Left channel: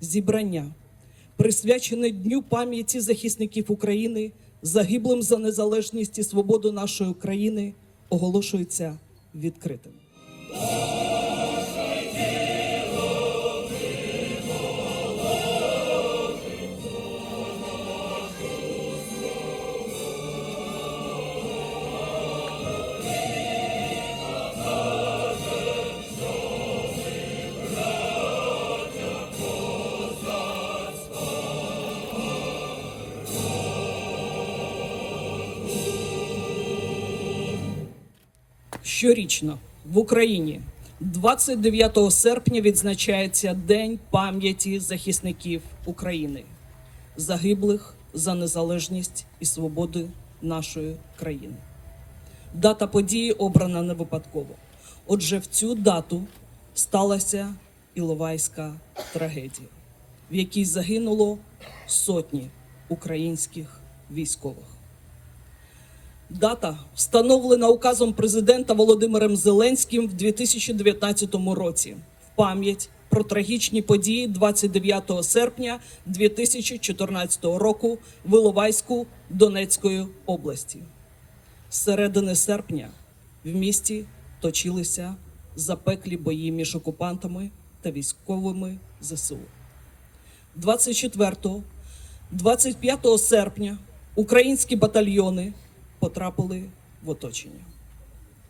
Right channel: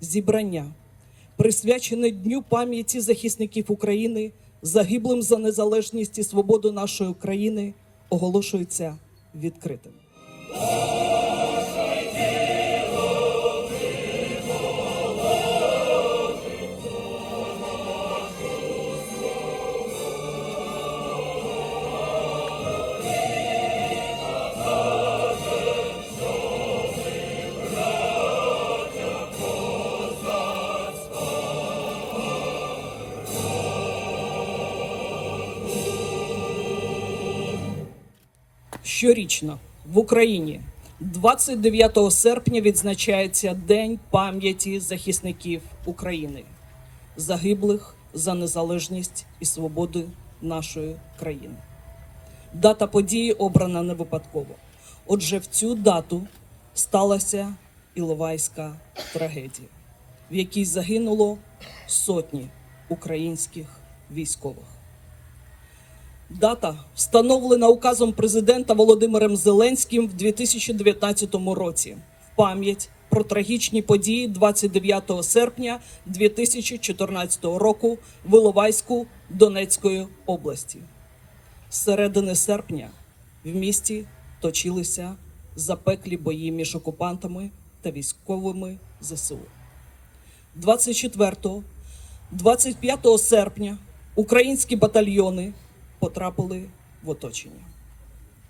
зібрання, присвячене Дню пам'яті захисників України, загиблим за незалежність і свободу нашої країни, оголошується відкритим. Щорічно в Україні 29 серпня відзначається День пам'яті захисників України, загиблих за незалежність і свободу нашої країни. Дата події обрана не випадково. Отже, в цю дату сталася Іловайська трагедія, в якій загинуло сотні українських військових. Дата встановлена указом президента Володимиром Зеленським в 2019 році в пам'ять про трагічні події 29 серпня 2014 року в Іловайську Донецької області. З середини серпня в місті точилися запеклі бої між окупантами та військовими ЗСУ. 24-25 серпня українські батальйони потрапили в оточення.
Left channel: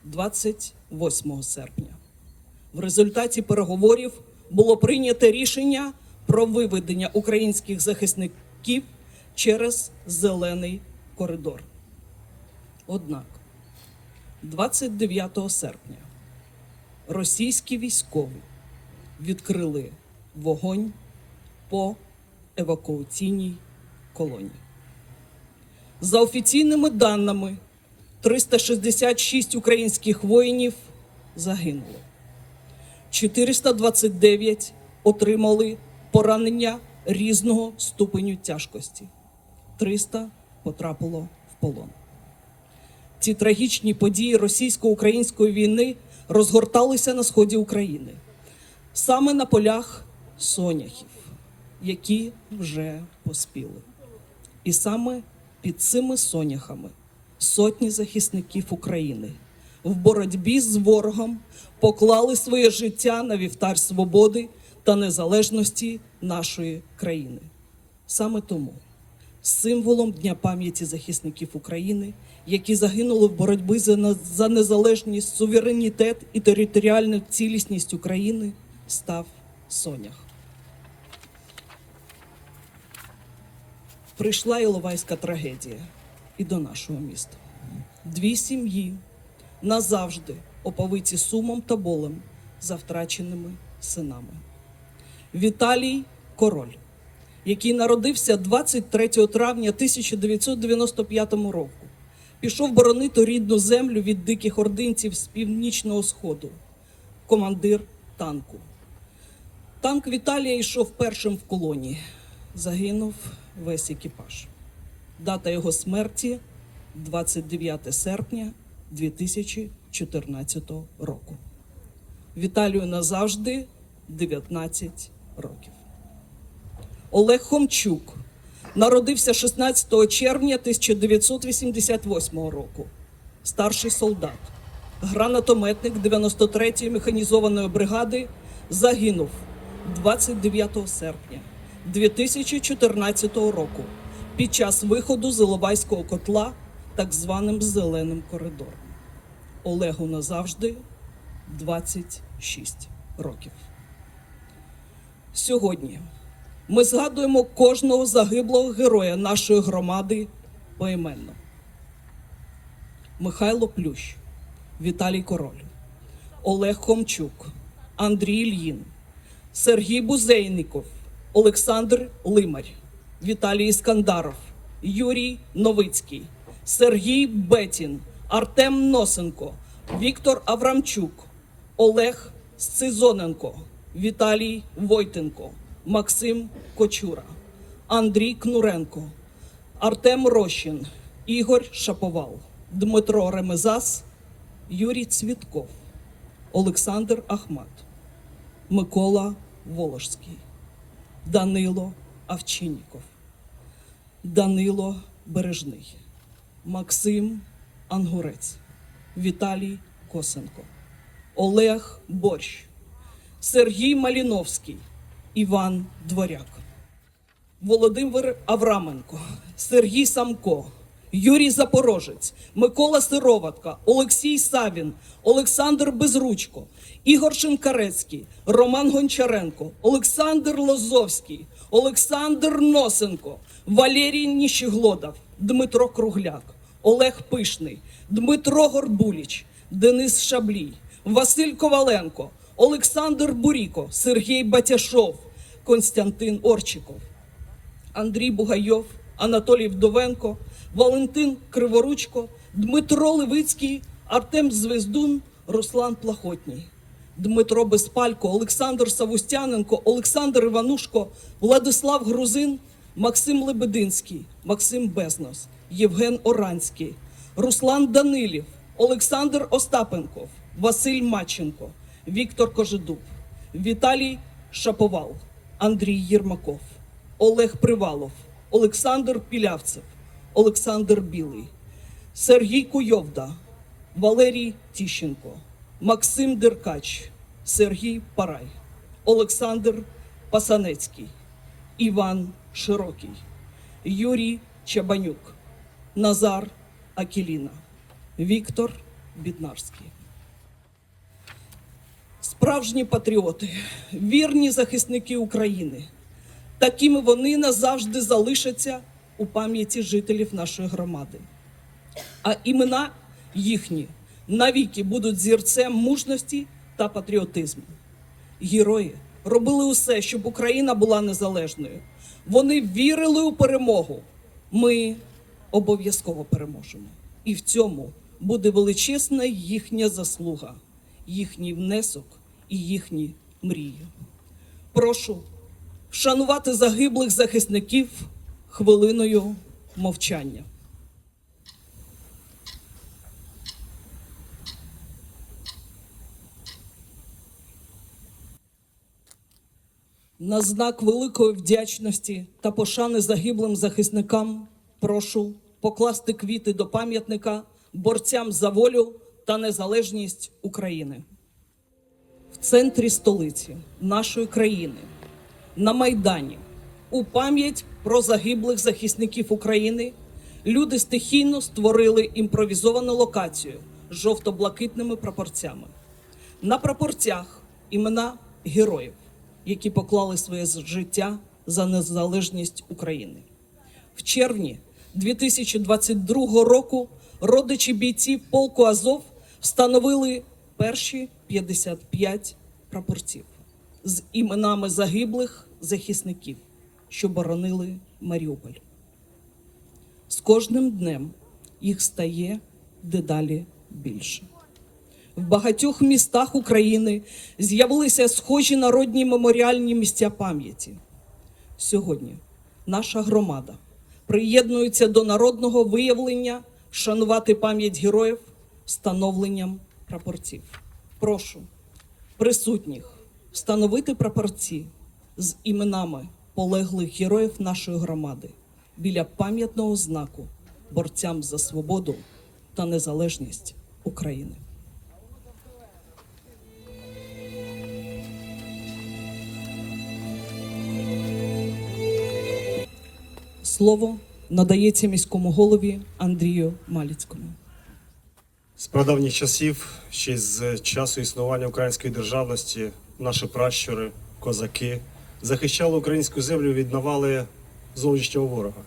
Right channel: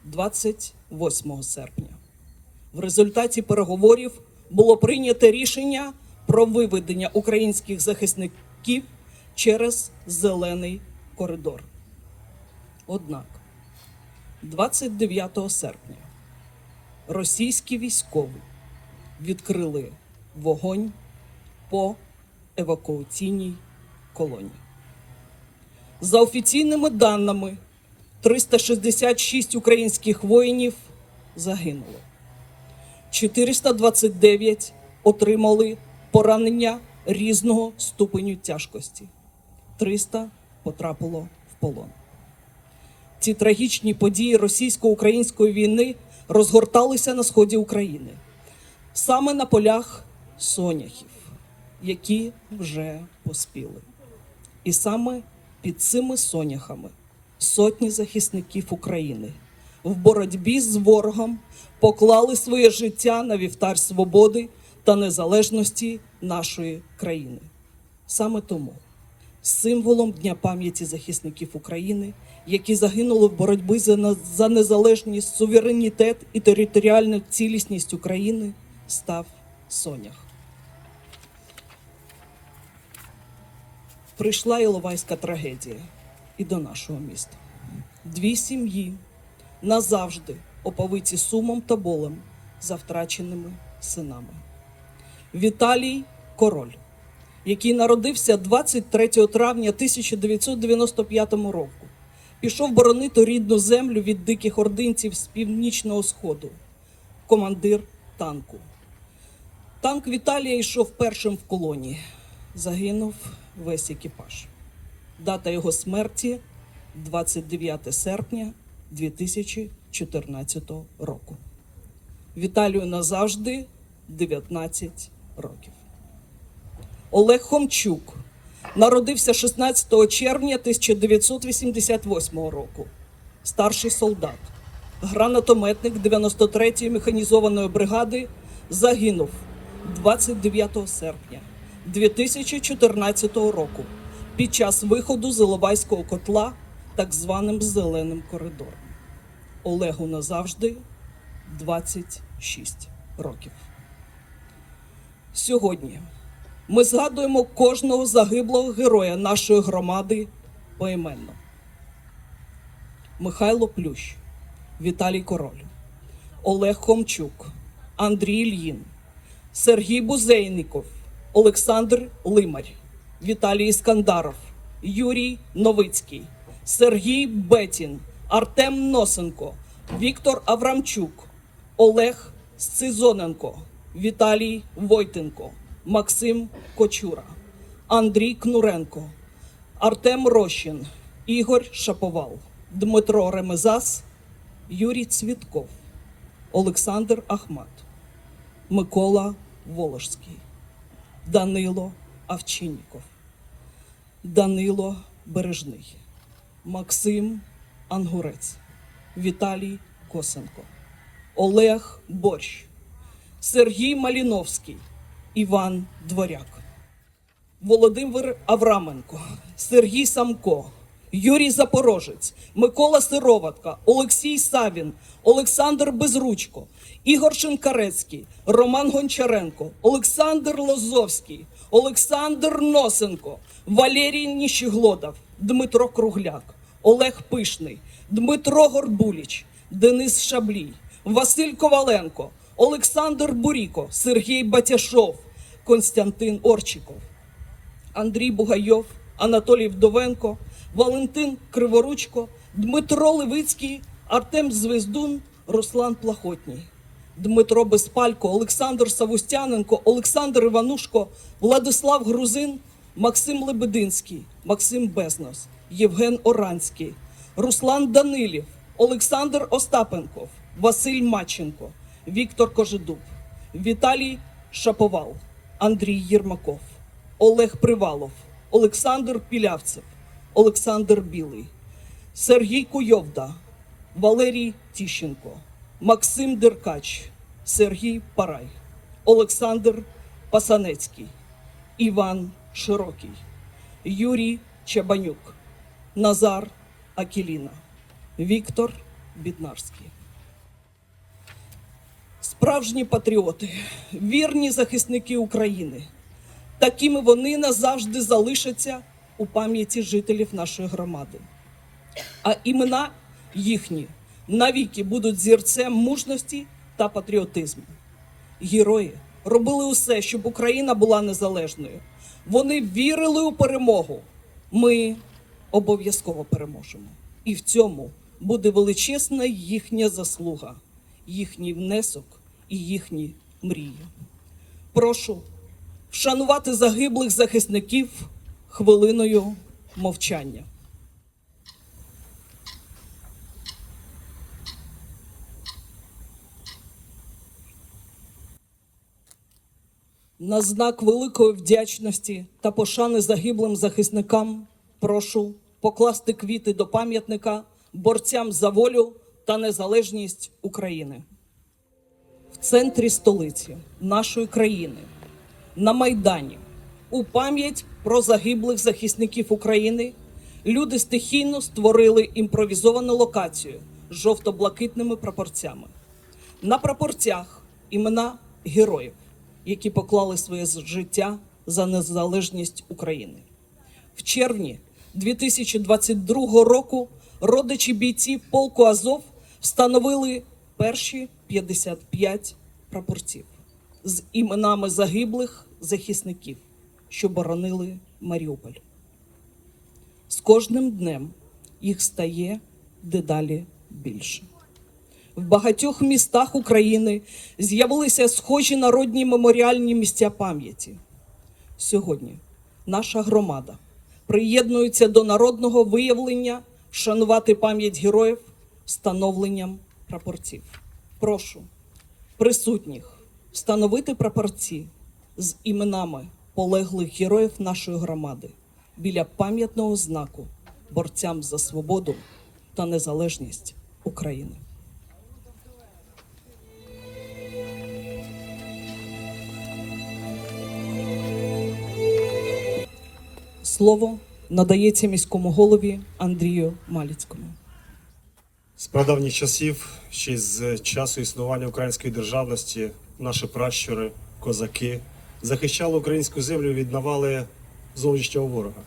28 серпня в результаті переговорів було прийнято рішення про виведення українських захисників через зелений коридор. Однак 29 серпня російські військові відкрили вогонь по евакуаційній колонії. За офіційними даними, 366 українських воїнів загинули. 429 отримали поранення різного ступеню тяжкості. 300 потрапило в полон. Ці трагічні події російсько-української війни розгорталися на сході України, саме на полях соняхів, які вже поспіли. І саме під цими соняхами сотні захисників України в боротьбі з ворогом поклали своє життя на вівтар свободи та незалежності нашої країни. Саме тому символом Дня пам'яті захисників України, які загинули в боротьбі за за незалежність, суверенітет і територіальну цілісність України, став Сонях. Прийшла Іловайська трагедія і до нашого міста. Дві сім'ї назавжди оповиті сумом та болем за втраченими синами. Віталій Король, який народився 23 травня 1995 року, пішов боронити рідну землю від диких ординців з північного сходу, командир танку. Танк Віталія йшов першим в колонії. Загинув весь екіпаж. Дата його смерті 29 серпня 2014 року. Віталію назавжди 19 років. Олег Хомчук народився 16 червня 1988 року. Старший солдат, гранатометник 93-ї механізованої бригади, загинув 29 серпня 2014 року під час виходу з Іловайського котла так званим зеленим коридором. Олегу назавжди 26 років. Сьогодні ми згадуємо кожного загиблого героя нашої громади поіменно. Михайло Плющ, Віталій Король, Олег Хомчук, Андрій Ільїн, Сергій Бузейников, Олександр Лимарь, Віталій Іскандаров, Юрій Новицький, Сергій Бетін, Артем Носенко, Віктор Аврамчук, Олег Сцизоненко, Віталій Войтенко, Максим Кочура, Андрій Кнуренко, Артем Рощин, Ігор Шаповал, Дмитро Ремезас, Юрій Цвітков, Олександр Ахмат, Микола Волошський. Данило Авчинніков, Данило Бережний, Максим Ангурець, Віталій Косенко, Олег Борщ, Сергій Маліновський, Іван Дворяк. Володимир Авраменко, Сергій Самко, Юрій Запорожець, Микола Сироватка, Олексій Савін, Олександр Безручко, Ігор Шинкарецький, Роман Гончаренко, Олександр Лозовський, Олександр Носенко, Валерій Ніщеглодов, Дмитро Кругляк, Олег Пишний, Дмитро Горбуліч, Денис Шаблій, Василь Коваленко, Олександр Буріко, Сергій Батяшов, Константин Орчиков. Андрій Бугайов, Анатолій Вдовенко, Валентин Криворучко, Дмитро Левицький, Артем Звездун, Руслан Плахотній, Дмитро Безпалько, Олександр Савустяненко, Олександр Іванушко, Владислав Грузин, Максим Лебединський, Максим Безнос, Євген Оранський, Руслан Данилів, Олександр Остапенков, Василь Маченко, Віктор Кожедуб, Віталій Шаповал, Андрій Єрмаков. Олег Привалов, Олександр Пілявцев, Олександр Білий, Сергій Куйовда, Валерій Тіщенко, Максим Деркач, Сергій Парай, Олександр Пасанецький, Іван Широкий, Юрій Чабанюк, Назар Акіліна, Віктор Біднарський. Справжні патріоти, вірні захисники України. Такими вони назавжди залишаться у пам'яті жителів нашої громади. А імена їхні навіки будуть зірцем мужності та патріотизму. Герої робили усе, щоб Україна була незалежною. Вони вірили у перемогу. Ми обов'язково переможемо. І в цьому буде величезна їхня заслуга, їхній внесок і їхні мрії. Прошу вшанувати загиблих захисників хвилиною мовчання. На знак великої вдячності та пошани загиблим захисникам прошу покласти квіти до пам'ятника борцям за волю та незалежність України. В центрі столиці нашої країни на Майдані у пам'ять про загиблих захисників України люди стихійно створили імпровізовану локацію з жовто-блакитними прапорцями. На прапорцях імена героїв, які поклали своє життя за незалежність України. В червні 2022 року родичі бійців полку Азов встановили перші 55 прапорців з іменами загиблих захисників, що боронили Маріуполь. З кожним днем їх стає дедалі більше. В багатьох містах України з'явилися схожі народні меморіальні місця пам'яті. Сьогодні наша громада приєднується до народного виявлення вшанувати пам'ять героїв встановленням прапорців. Прошу присутніх встановити прапорці з іменами полеглих героїв нашої громади біля пам'ятного знаку борцям за свободу та незалежність України. Слово надається міському голові Андрію Маліцькому. З прадавніх часів, ще з часу існування української державності, наші пращури, козаки захищали українську землю від навали зовнішнього ворога.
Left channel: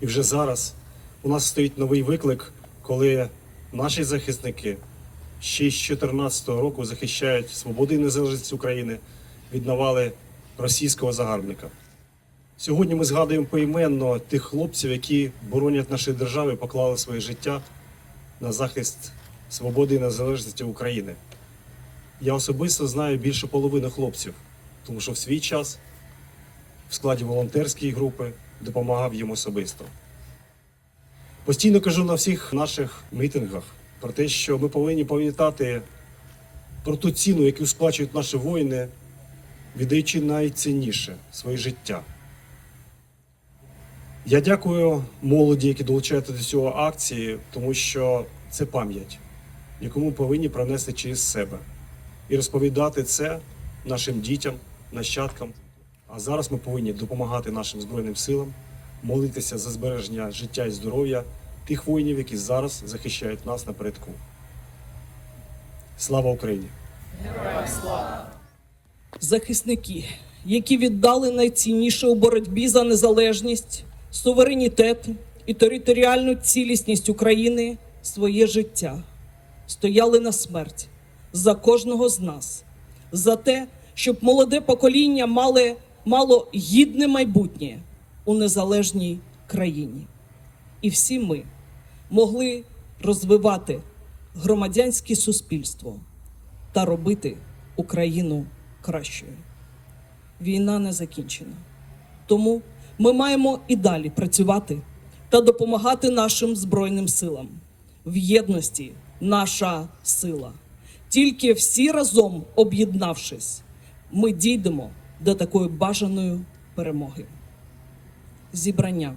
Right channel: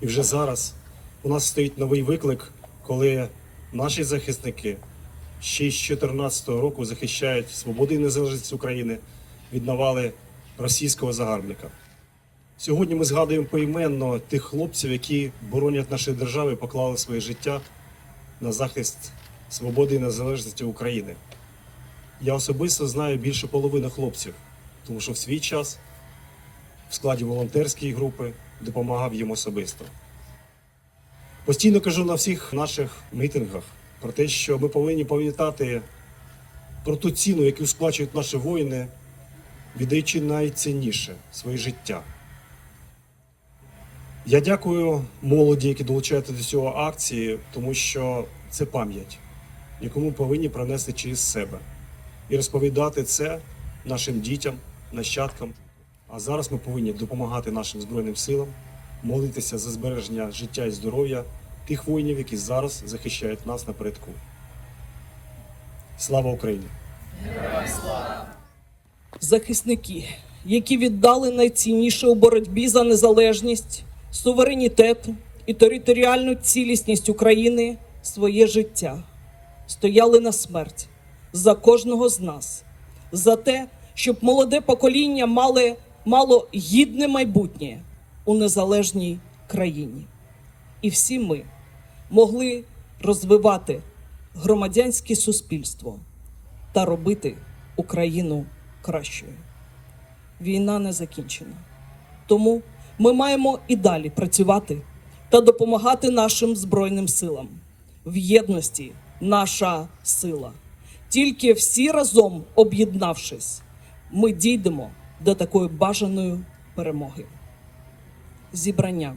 І вже зараз у нас стоїть новий виклик, коли наші захисники ще з 2014 року захищають свободу і незалежність України від навали російського загарбника. Сьогодні ми згадуємо поіменно тих хлопців, які боронять наші держави, поклали своє життя на захист свободи і незалежності України. Я особисто знаю більше половини хлопців, тому що в свій час в складі волонтерської групи допомагав їм особисто. Постійно кажу на всіх наших мітингах про те, що ми повинні пам'ятати про ту ціну, яку сплачують наші воїни віддаючи найцінніше своє життя. Я дякую молоді, які долучаються до цього акції, тому що це пам'ять, яку ми повинні пронести через себе і розповідати це нашим дітям, нащадкам. А зараз ми повинні допомагати нашим збройним силам, молитися за збереження життя і здоров'я тих воїнів, які зараз захищають нас напередку. Слава Україні! захисники, які віддали найцінніше у боротьбі за незалежність, суверенітет і територіальну цілісність України своє життя, стояли на смерть за кожного з нас, за те, щоб молоде покоління мали, мало гідне майбутнє у незалежній країні. І всі ми могли розвивати громадянське суспільство та робити Україну кращою. Війна не закінчена. Тому ми маємо і далі працювати та допомагати нашим Збройним силам. В єдності наша сила. Тільки всі разом об'єднавшись, ми дійдемо до такої бажаної перемоги. Зібрання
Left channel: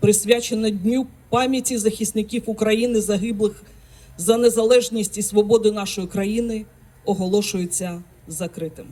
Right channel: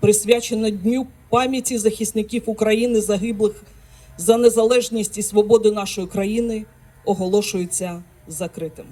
присвячене Дню пам'яті захисників України, загиблих за незалежність і свободу нашої країни, оголошується закритим.